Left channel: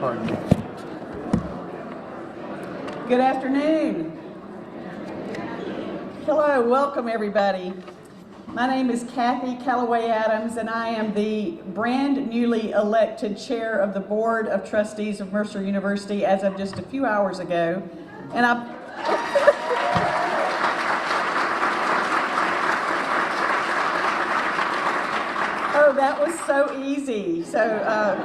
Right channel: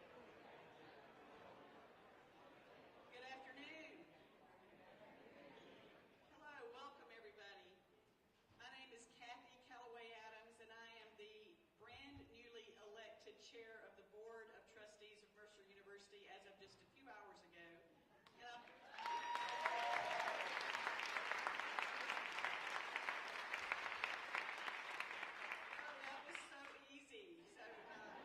Pardon me. Good afternoon. Hello, welcome everybody. My name is Kathy Callaway Adams, and I am the brand newly elected chair of the Board of Trustees of Mercer University as of just a few hours ago. And oh, that was so easy. So,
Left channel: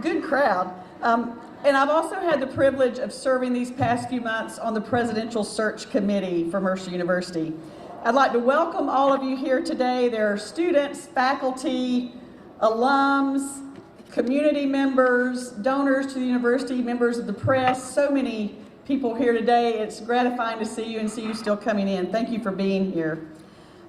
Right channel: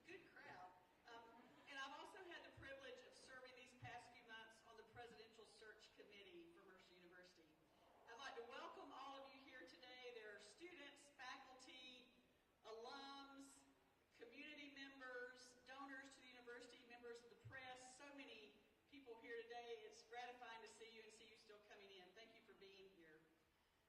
good crowd. And I've also had the privilege of serving these past few months on the Presidential Search Committee for Mercer University. I'd like to welcome all of you here today. There are students, faculty, alums, community members, donors to the university, members of the press, so many people here today. It's gratifying to see you and see you still coming in. Thank you for being here.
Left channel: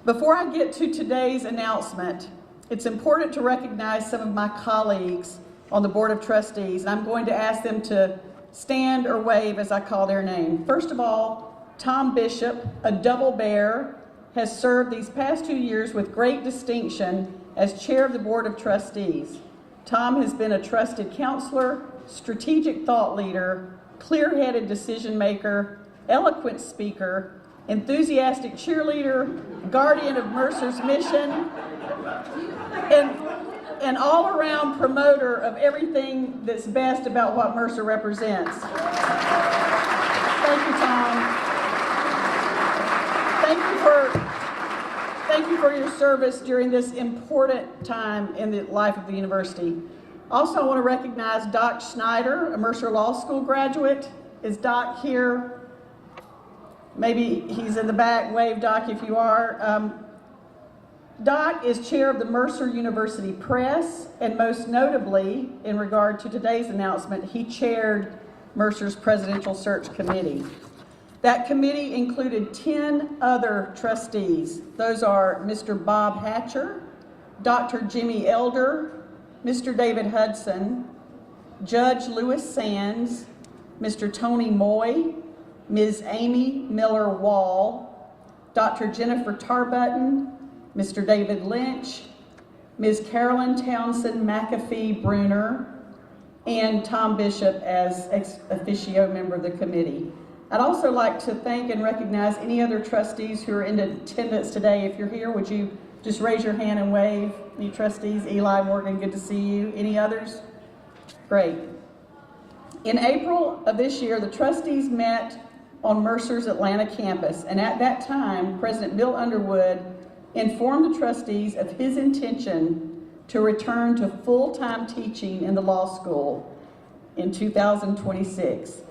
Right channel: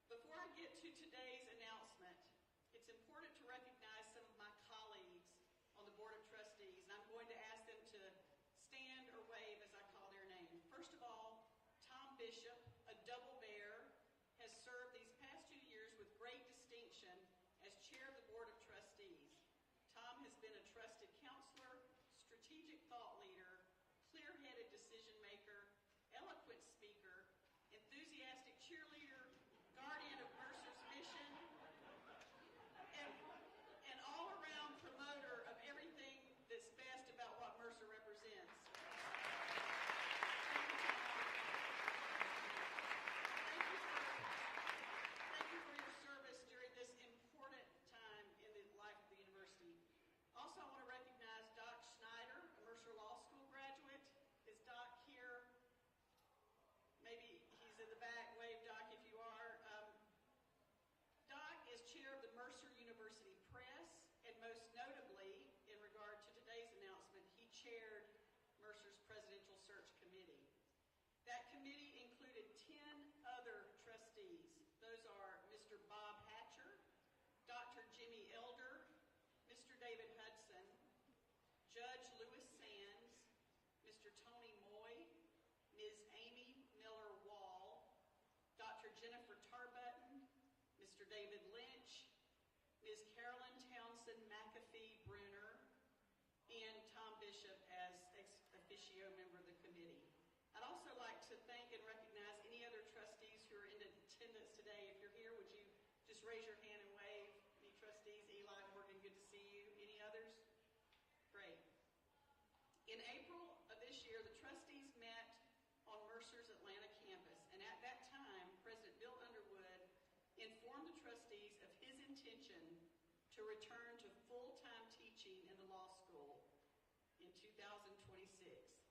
Before I get to today's announcement, it's important to recognize some of my colleagues on the Board of Trustees, and I'm going to ask them to stand or wave as I call their name. First of all, Tom Bishop, a double bear, has served these past 2 years with great distinction as chair of the Board of Trustees. Tom has been a trusted counselor, strategic thought leader, clear-headed decision maker, eloquent speaker, enthusiastic cheerleader, guardian of Mercer's mission, and an all-around promoter of everything that's best about what Mercer represents. Thank you, Tom. Thank you for your service during this important time in the life of the university. Also, I want to recognize Doc Schneider, a Mercer Law School graduate. Is Doc here? Maybe he's in the back. Wave, Doc, if you are. Doc is chair of the Mercer University Press, and most notably, in regard to today's announcement, he chaired Mercer's Presidential Search Committee. That committee included 10 other trustees. Those are Mr. Bob Hatcher, Dr. Jimmy Elder, Mr. David Hudson, Judge Lewis Sands, Mr. Tony Moy, Ms. Amy Miller Wall, Dr. Jennifer Tarbutton, Mr. David Lynch, Ms. Carolyn Townsend McAfee Bruner, and Tom Bishop as ex officio member of the committee. I'd also like to thank and recognize any other trustees who are in attendance today. If you're here, would you just raise your hand and wave? Any trustees? Eli, Morgan, good to see you. Any others? Great. In April of this year, the trustees met on Mercer's Atlanta campus, and at that time, President Bill Underwood informed the trustees of his intention to return to full-time teaching in the law school in 2026,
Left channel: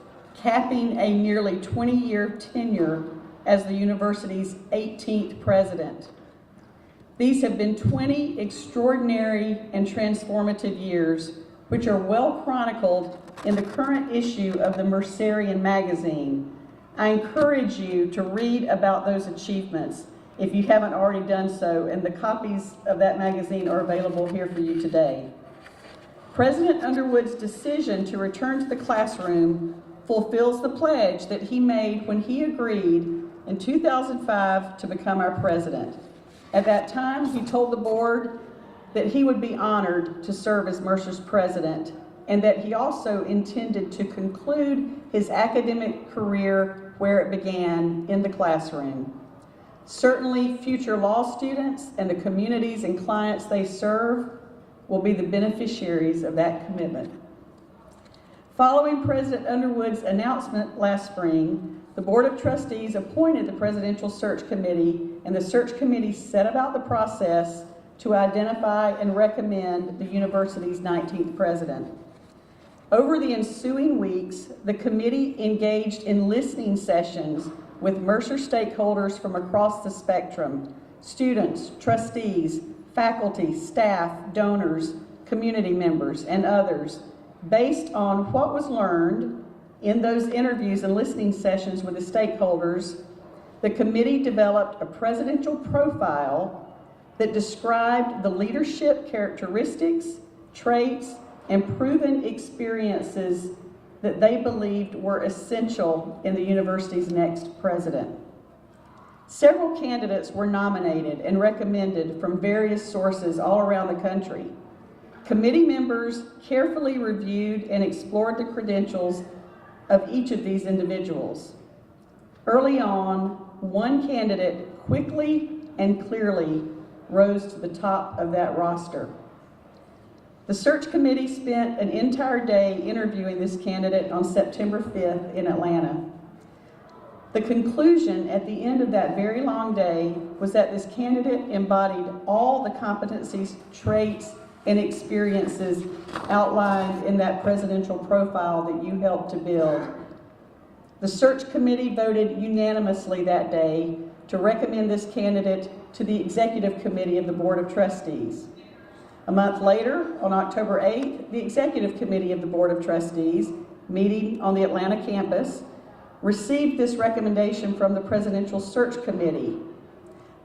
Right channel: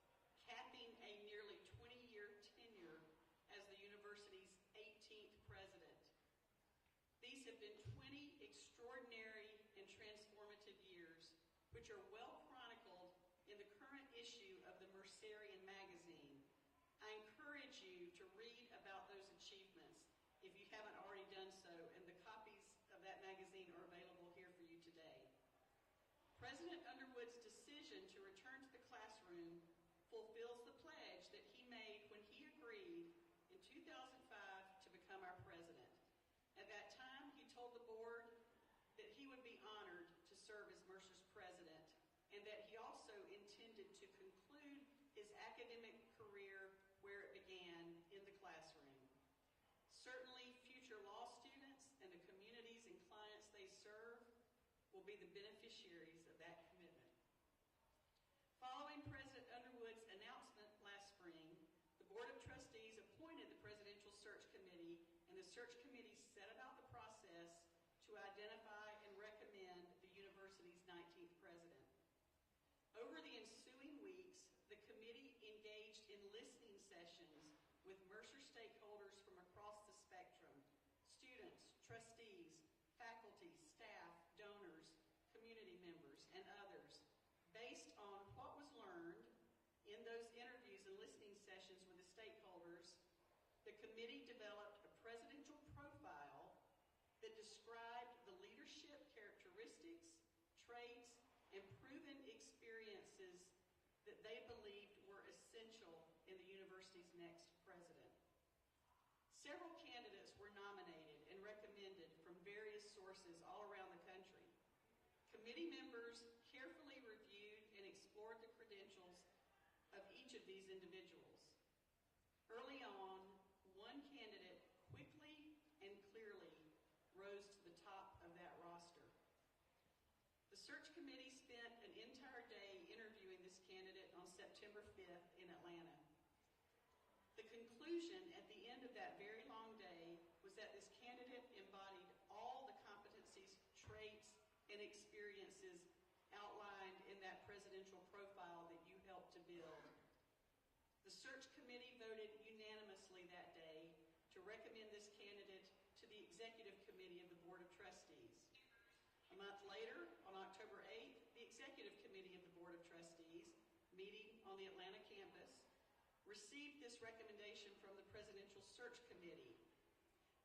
capping a nearly 20-year tenure as the university's 18th president. These have been 20 extraordinary and transformative years, which are well chronicled in the current issue of the Mercerian magazine. I encourage you to read about those achievements if you haven't already done so, and the copies of that magazine are available here for you today. President Underwood's decision to return to the classroom fulfills the pledge that he made when he agreed in 2005 to become our president. At that time, he told the board that he would be honored to serve as Mercer's president, and that he also intended to conclude his academic career where it began, in the classroom. Certainly, future law students and the communities and clients they serve will be the beneficiaries of that commitment. Following President Underwood's announcement last spring, the Board of Trustees appointed the Presidential Search Committee, and the search committee set about the process to identify and recommend the university's 19th president. Over the ensuing weeks, the committee engaged in listening sessions with Mercer stakeholders from across the spectrum: students, trustees, faculty, staff, donors, community members, and others. Based on what was learned in those interviews and listening sessions with the stakeholders, the committee developed a presidential profile that described the leadership characteristics, traits, and proven experiences that they believed were essential in the university's next president. Several candidates were nominated and recommended from various sources all around the country. Committee members carefully reviewed and explored the credentials of each of these individuals. Early on, one candidate quickly and clearly rose to the top of that roster. The search committee spent an entire day interviewing this candidate on September 5th in Atlanta. The conclusion at the end of that very long day was that this candidate embodied all the competencies, traits, and experiences outlined in that presidential profile that you helped to build. The search committee voted unanimously that day to recommend this candidate to the executive committee of the Board of Trustees. A month later, on October 8th, the executive committee of the Board of Trustees, meeting on the Atlanta campus, received this recommendation from the Presidential Search Committee.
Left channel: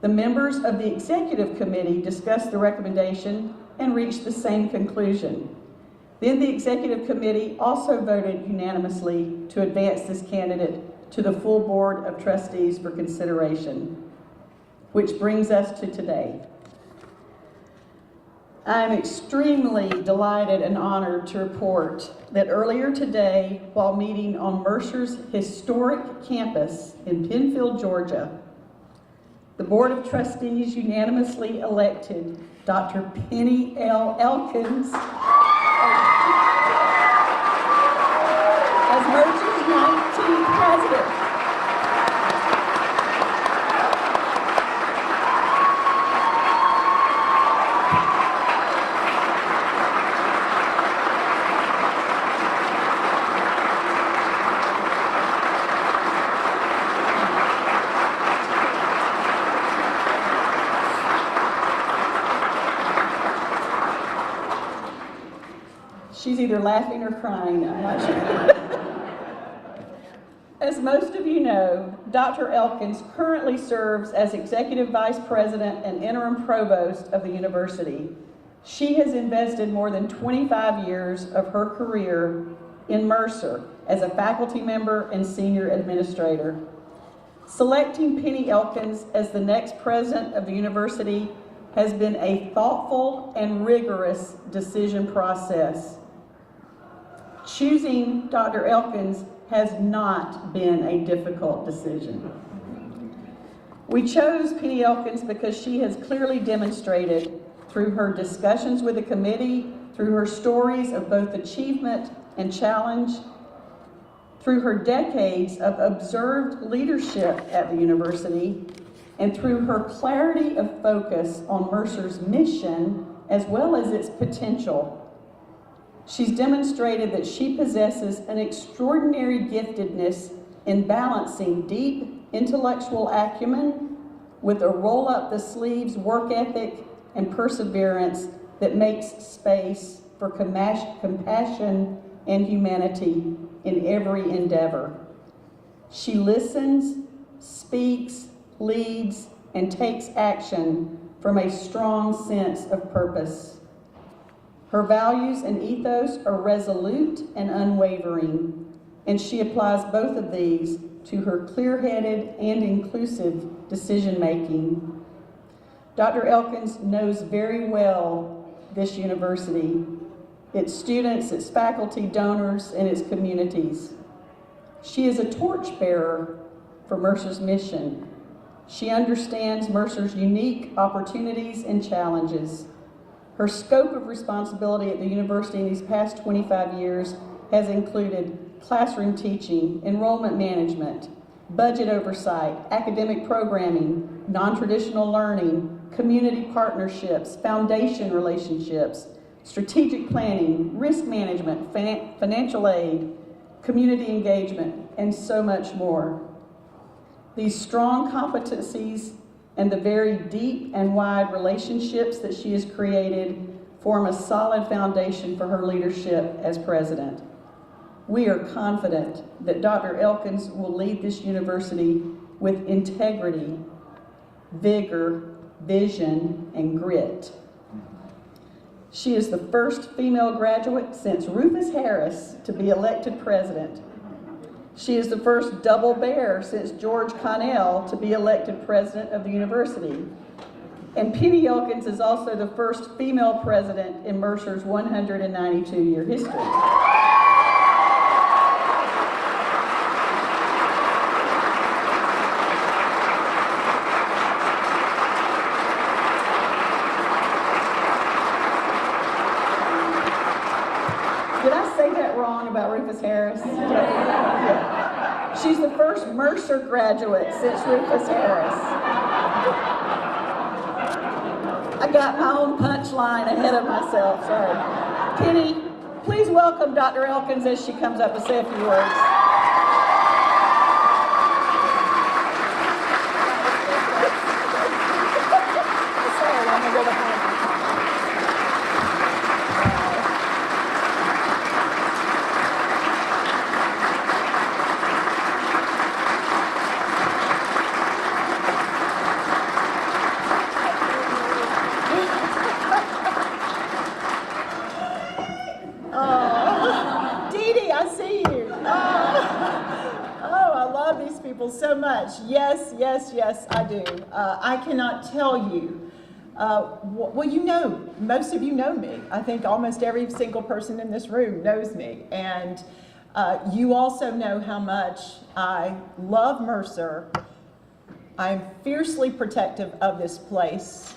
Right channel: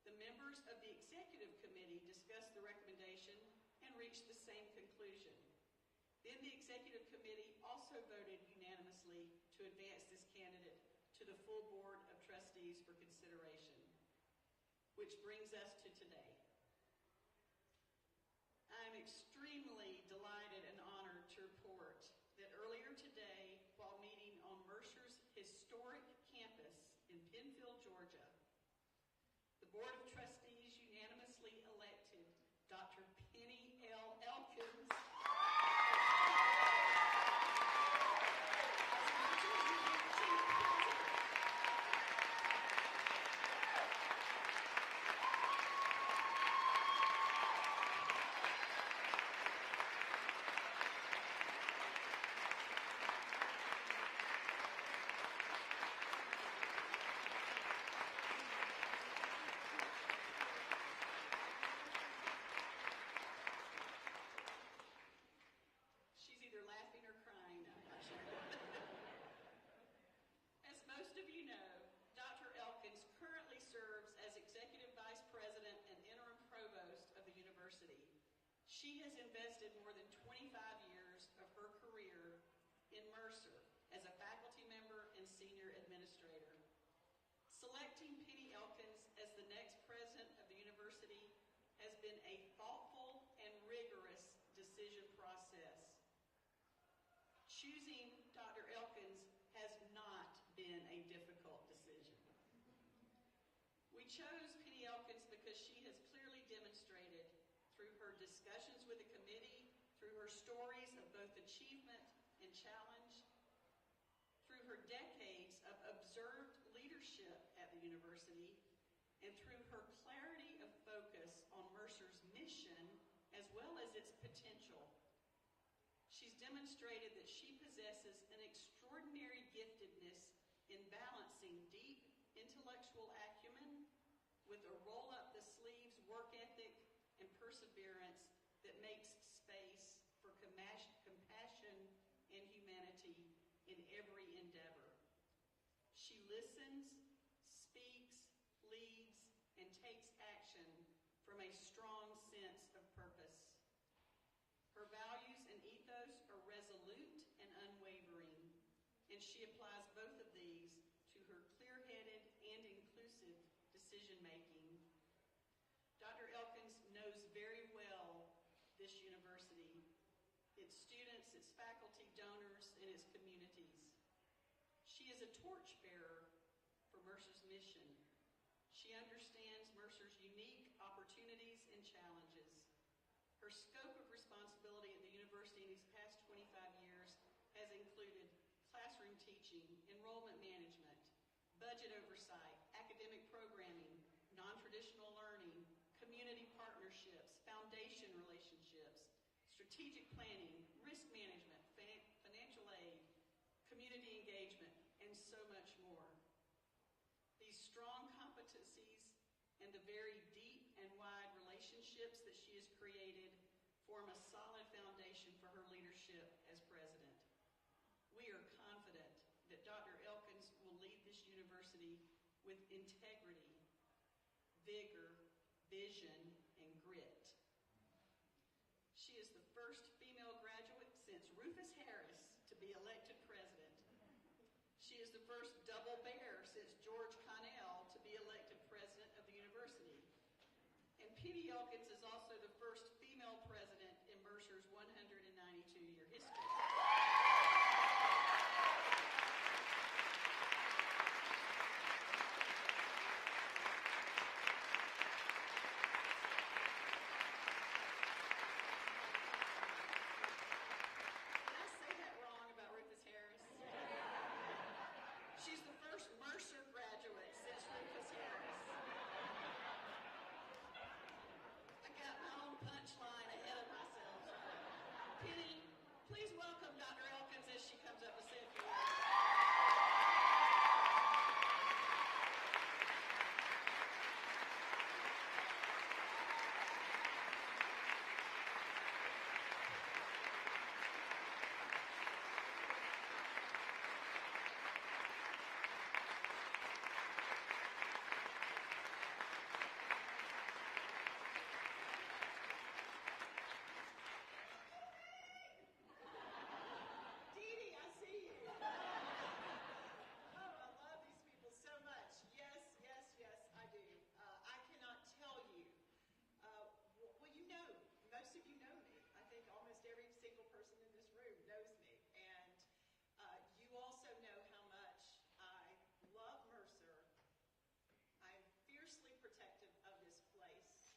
The members of the executive committee discussed the recommendation and reached the same conclusion. Then the executive committee also voted unanimously to advance this candidate to the full Board of Trustees for consideration, which brings us to today. I am extremely delighted and honored to report that earlier today, while meeting on Mercer's historic campus in Penfield, Georgia, the Board of Trustees unanimously elected Dr. Penny L. Elkins as Mercer's 19th president. She's either laughing or crying, I'm not sure. As most of you know, Dr. Elkins currently serves as Executive Vice President and Interim Provost of the university. She has invested more than 25 years of her career in Mercer as a faculty member and senior administrator. Selecting Penny Elkins as the next president of the university has been a thoughtful and rigorous decision process. Choosing Dr. Elkins has not been a difficult decision. We chose Penny Elkins because she has clearly demonstrated through her discussions with the committee, through her stories of both achievement and challenge, through her decades of observed leadership at the university, and through her clarity of focus on Mercer's mission as well as its potential. She's demonstrated that she possesses an extraordinary giftedness in balancing deep intellectual acumen with a roll-up-the-sleeves work ethic and perseverance that makes space for compassion and humanity in every endeavor. She listens, speaks, leads, and takes action from a strong sense of purpose. Her values and ethos are resolute and unwavering, and she applies both of these to her clear-headed and inclusive decision-making. Dr. Elkins knows very well this university, its students, its faculty, donors, and its communities. She is a torchbearer for Mercer's mission. She understands Mercer's unique opportunities and challenges. Her scope of responsibility at the university in these past 25 years has included classroom teaching, enrollment management, budget oversight, academic programming, non-traditional learning, community partnerships, foundation relationships, strategic planning, risk management, financial aid, community engagement, and so much more. These strong competencies and the very deep and wide relationships that she has created form a solid foundation for her leadership as president. We are confident that Dr. Elkins will lead this university with integrity, vigor, vision, and grit. She is the first female graduate since Rufus Harris to be elected president. She is the first double bear since George Connell to be elected president of the university. And Penny Elkins is also the first female president in Mercer's 192-year history. Did I say that wrong about Rufus Harris? Yeah. She's the first Mercer graduate since Rufus Harris. I got my own punchline ahead of myself, sorry. Penny, please welcome Dr. Elkins as she comes up to say a few words. Sorry, I'm gonna go behind you. So much. Yes, yes, yes, I do. I cannot tell you. Well, you know, most of you know me. I think almost every single person in this room knows me. And you also know how much I love Mercer. I'm fiercely protective of this place.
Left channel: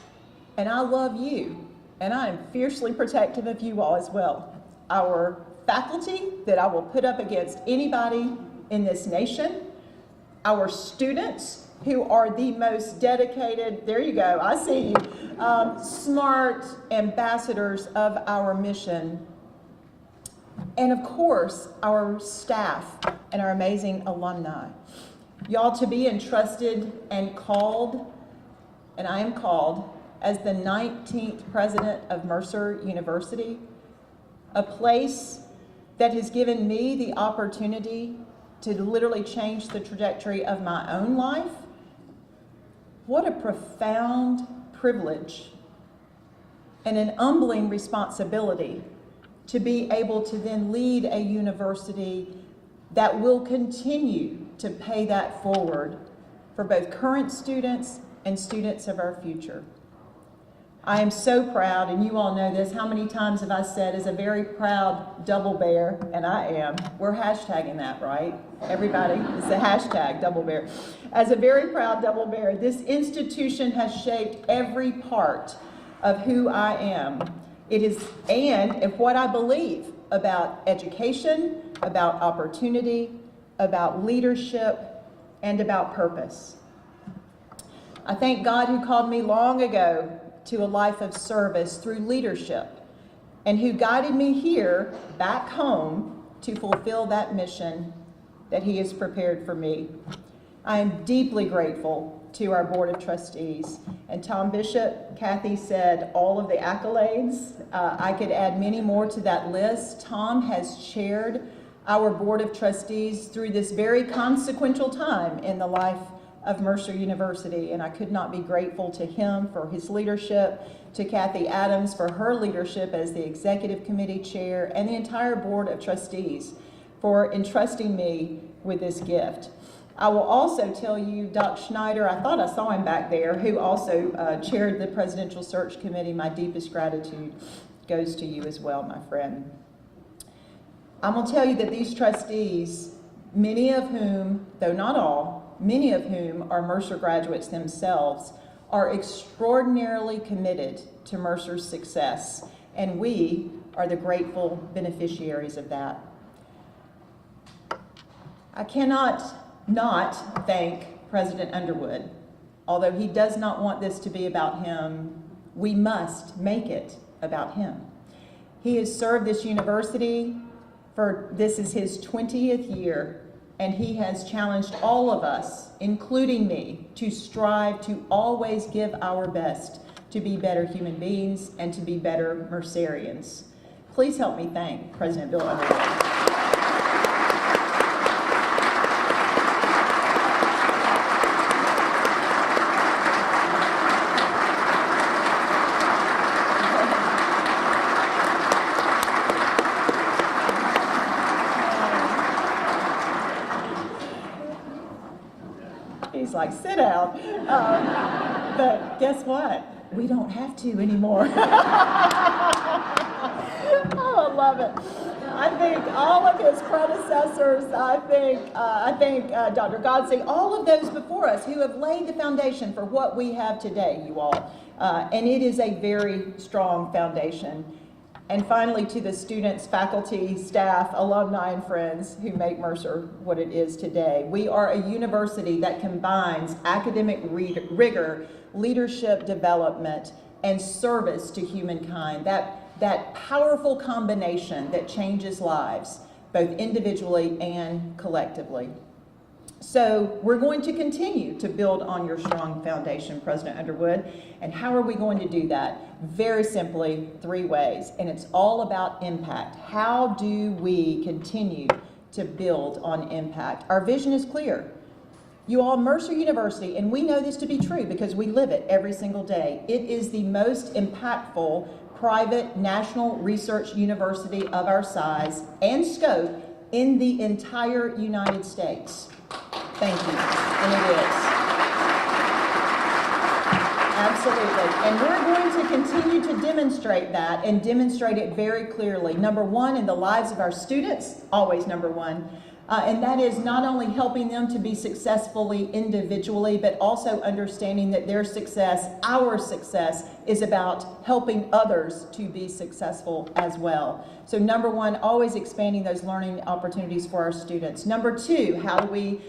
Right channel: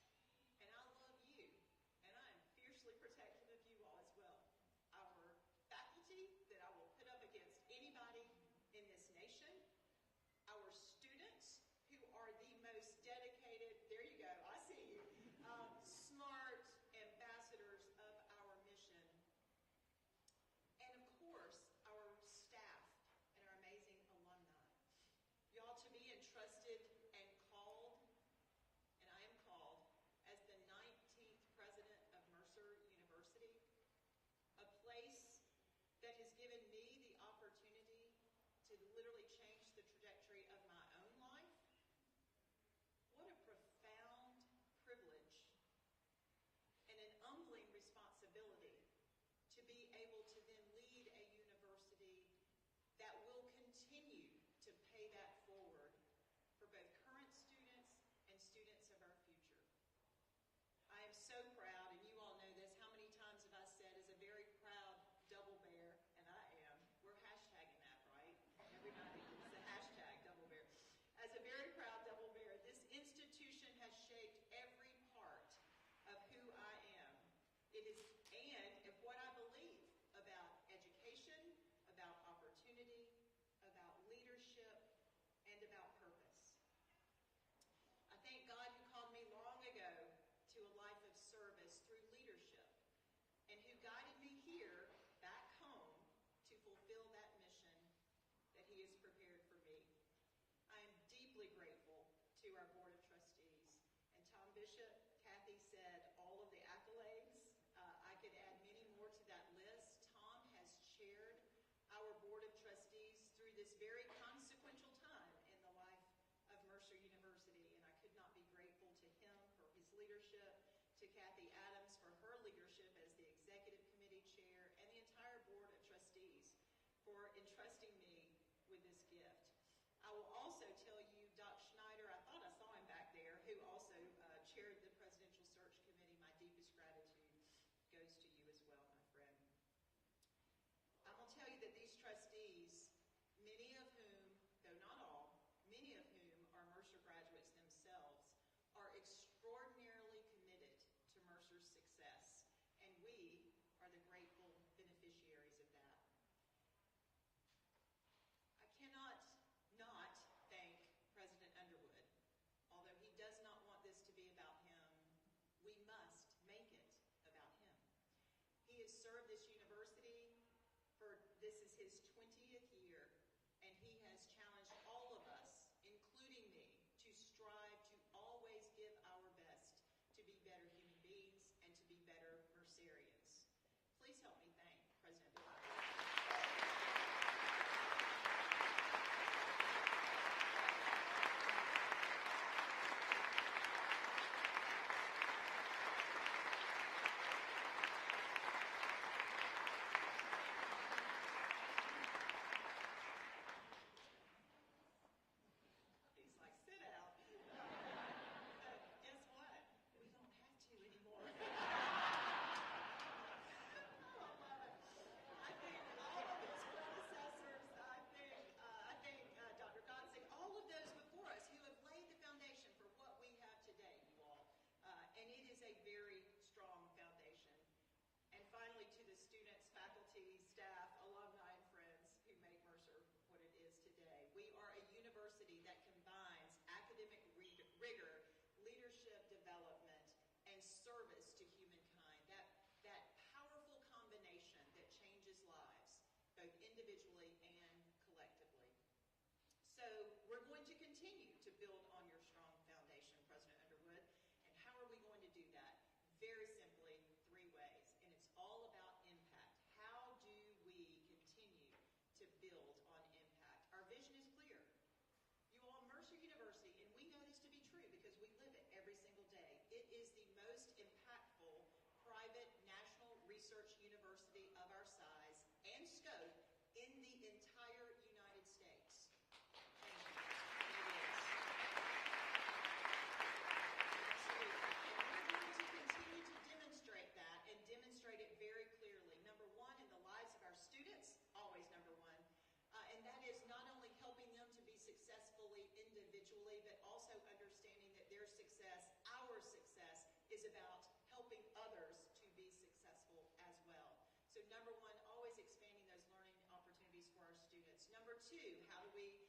And I love you. And I am fiercely protective of you all as well. Our faculty that I will put up against anybody in this nation. Our students, who are the most dedicated, there you go, I see you, smart ambassadors of our mission. And of course, our staff and our amazing alumni. Y'all, to be entrusted and called, and I am called, as the 19th president of Mercer University, a place that has given me the opportunity to literally change the trajectory of my own life. What a profound privilege and an humbling responsibility to be able to then lead a university that will continue to pay that forward for both current students and students of our future. I am so proud, and you all know this, how many times have I said, as a very proud double bear, and I am, we're hashtagging that, right? Everybody, it's a hashtag, double bear. As a very proud double bear, this institution has shaped every part of who I am. It is, and if what I believe about education, about opportunity, about leadership, and about purpose. I thank God who called me long ago to a life of service through leadership, and who guided me here back home to fulfill that mission that he has prepared for me. I am deeply grateful to our Board of Trustees. And Tom Bishop, Kathy said all of the accolades. I could add many more to that list. Tom has chaired our Board of Trustees through this very consequential time in the life of Mercer University, and I could not be grateful to him for his leadership, to Kathy Adams for her leadership as the Executive Committee Chair, and the entire Board of Trustees for entrusting me with this gift. I will also tell you, Doc Schneider, I thought I saw him back there, who also chaired the Presidential Search Committee. My deepest gratitude goes to you as well, my friend. I'm going to tell you that these trustees, many of whom, though not all, many of whom are Mercer graduates themselves, are extraordinarily committed to Mercer's success, and we are the grateful beneficiaries of that. I cannot not thank President Underwood. Although he does not want this to be about him, we must make it about him. He has served this university this is his 20th year, and he has challenged all of us, including me, to strive to always give our best to be better human beings and to be better Mercerians. Please help me thank President Bill Underwood. He's like, sit down. But guess what? we don't have to anymore. Oh, I love it. I think all of his predecessors, I think Dr. Godsey, all of those before us who have laid the foundation for what we have today, you all. And it is a very strong foundation. And finally, to the students, faculty, staff, alumni, and friends who make Mercer what it is today. We are a university that combines academic rigor, leadership development, and service to humankind. That powerful combination that changes lives, both individually and collectively. So we're going to continue to build on your strong foundation, President Underwood. And how are we going to do that? Very simply, 3 ways. And it's all about impact. How do we continue to build on impact? Our vision is clear. You all, Mercer University, and we know this to be true because we live it every single day. It is the most impactful private national research university of our size and scope in the entire United States. Thank you, and it is. Absolutely, and we're going to continue to demonstrate that and demonstrate it very clearly. Number one, in the lives of our students, always number one. And that is not only helping them to be successfully individually, but also understanding that their success, our success, is about helping others to be successful as well. So number one, always expanding those learning opportunities for our students. Number two, how do we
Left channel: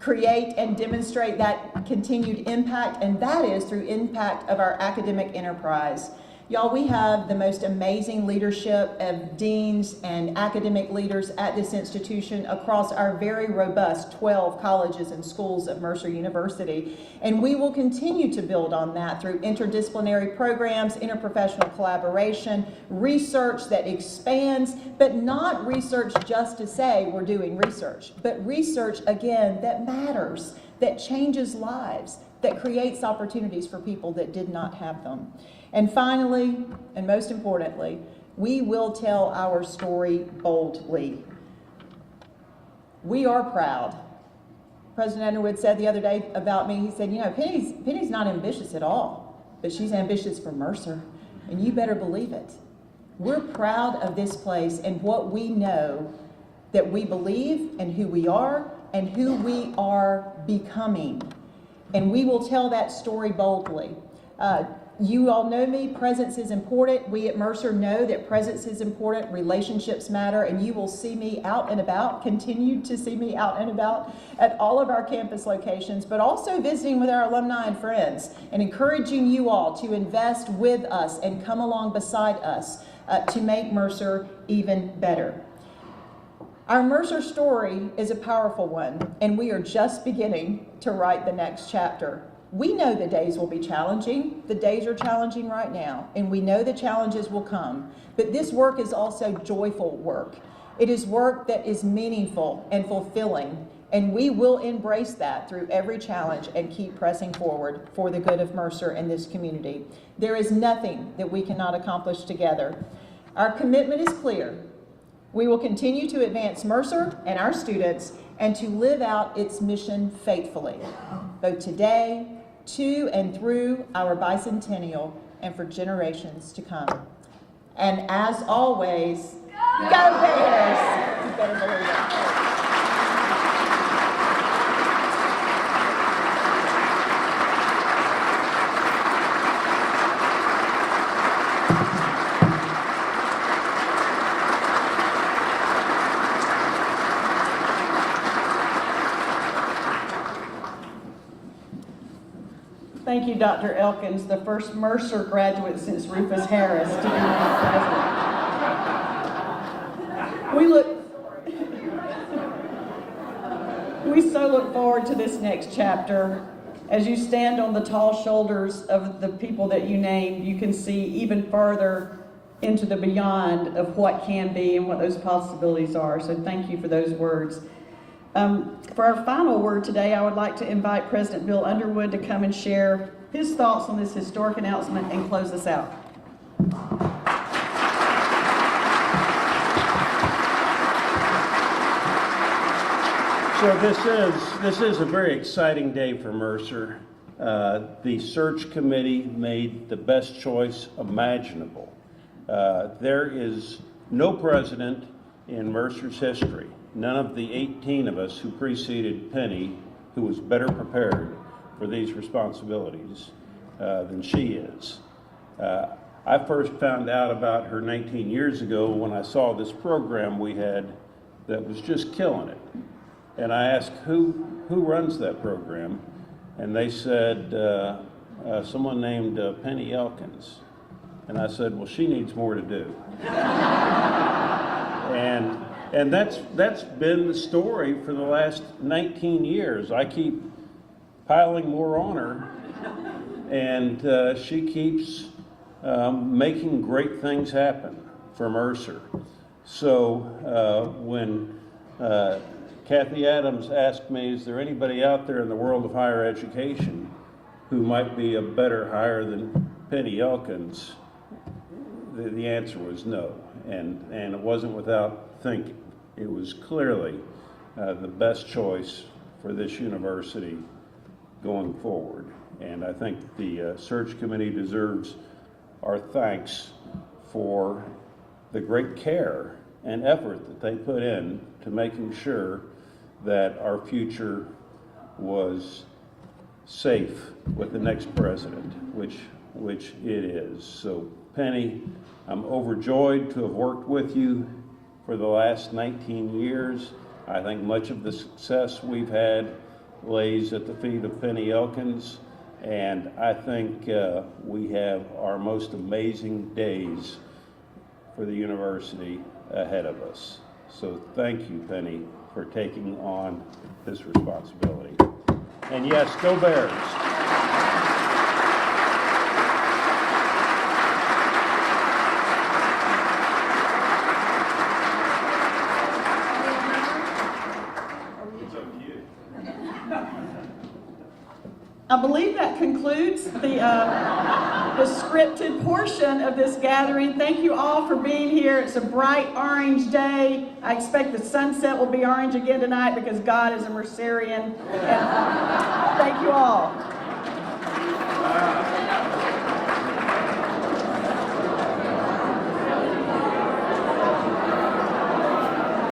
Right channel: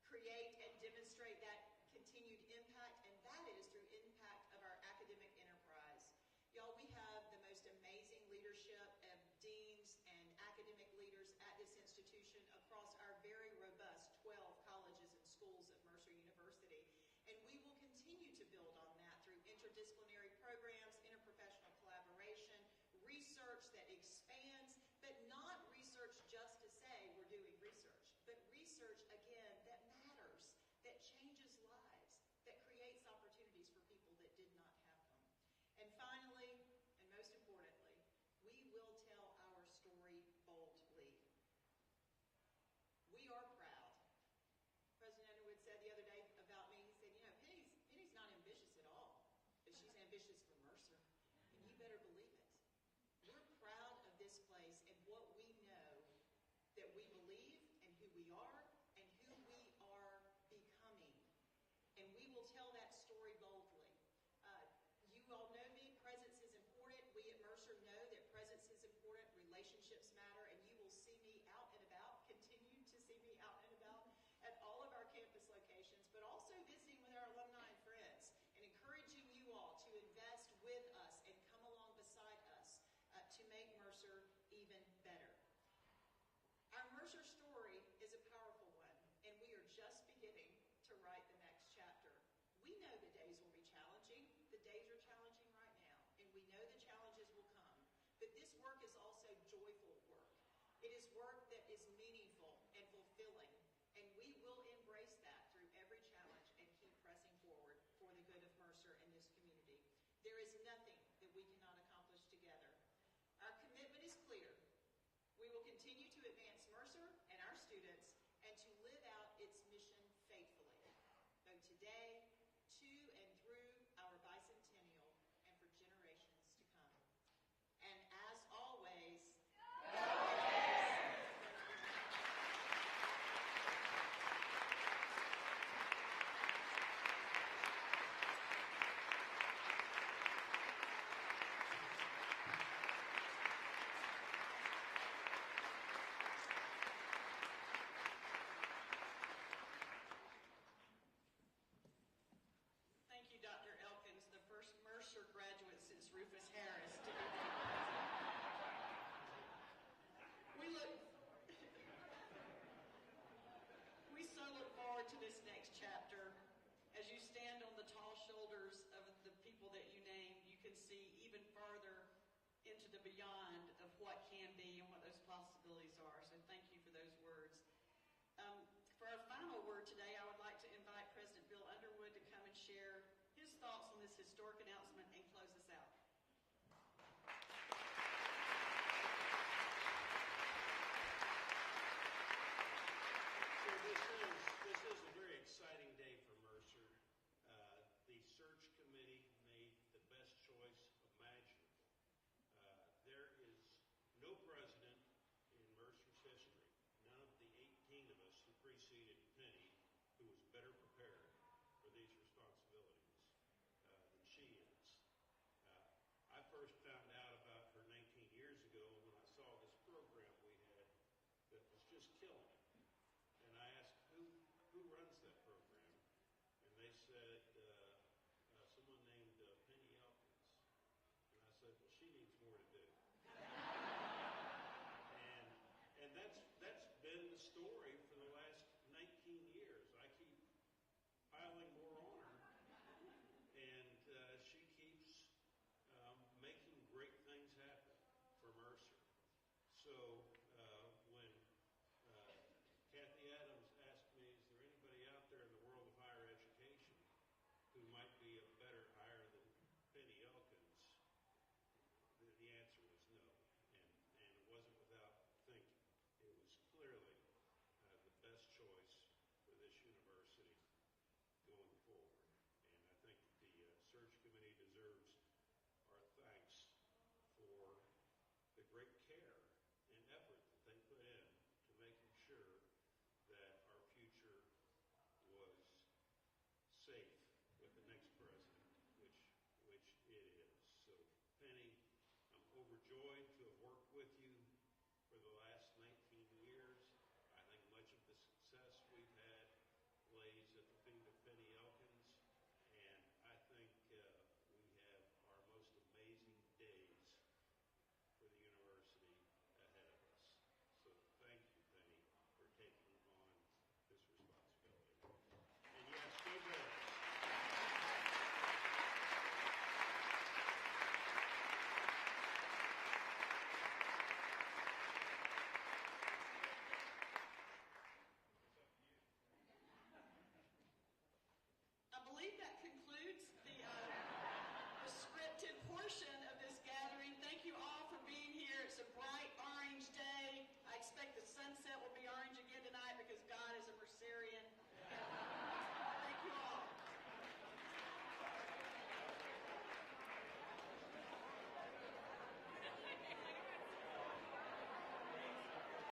create and demonstrate that continued impact? And that is through impact of our academic enterprise. Y'all, we have the most amazing leadership of deans and academic leaders at this institution across our very robust 12 colleges and schools of Mercer University. And we will continue to build on that through interdisciplinary programs, interprofessional collaboration, research that expands, but not research just to say we're doing research, but research, again, that matters, that changes lives, that creates opportunities for people that did not have them. And finally, and most importantly, we will tell our story boldly. We are proud. President Underwood said the other day about me, he said, you know, Penny's not ambitious at all, but she's ambitious for Mercer, and you better believe it. We're proud of this place and what we know that we believe and who we are and who we are becoming. And we will tell that story boldly. You all know me, presence is important. We at Mercer know that presence is important, relationships matter, and you will see me out and about, continue to see me out and about at all of our campus locations, but also visiting with our alumni and friends and encouraging you all to invest with us and come along beside us to make Mercer even better. Our Mercer story is a powerful one, and we are just beginning to write the next chapter. We know the days will be challenging. The days are challenging right now, and we know the challenges will come. But this work is also joyful work. It is work that is meaningful and fulfilling, and we will embrace that through every challenge and keep pressing forward for the good of Mercer and this community. There is nothing that we cannot accomplish together. Our commitment is clear. We will continue to advance Mercer and our students and to live out its mission faithfully, both today, to and through our bicentennial, and for generations to come. And as always, go Bears! You better believe it. Thank you, Dr. Elkins, the first Mercer graduate since Rufus Harris to be president. We so look forward to this next chapter. As you stand on the tall shoulders of the people that you named, you can see even further into the beyond of what can be and what those possibilities are. So thank you for those words. For our final word today, I would like to invite President Bill Underwood to come and share his thoughts on this historic announcement and close us out. So this is a very exciting day for Mercer. The search committee made the best choice imaginable. There is no president in Mercer's history, none of the 18 of us who preceded Penny, who was better prepared for these responsibilities than she is. I first found out about her 19 years ago when I saw this program we had that was just killing it. And I asked, who runs that program? And they said, someone named Penny Elkins. And I said, well, she needs more to do. And that's been the story for the last 19 years. I keep piling more on her, and she keeps making great things happen for Mercer. So when Kathy Adams asked me, is there anybody out there in the world of higher education who might be a better hire than Penny Elkins? The answer was no, and it wasn't without thinking. It was clearly the best choice for this university going forward. And I think the search committee deserves our thanks for the great care and effort that they put in to making sure that our future was safe with the next president, which it is. So Penny, I'm overjoyed to have worked with you for the last 19 years. I think much of the success we've had lays at the feet of Penny Elkins, and I think we have our most amazing days for the university ahead of us. So thank you, Penny, for taking on this responsibility. And yes, go Bears. I believe that concludes the scripted portion of this gathering. Thank you all for being here. It's a bright orange day. I expect the sunset will be orange again tonight because God is a Mercerian. And thank you all.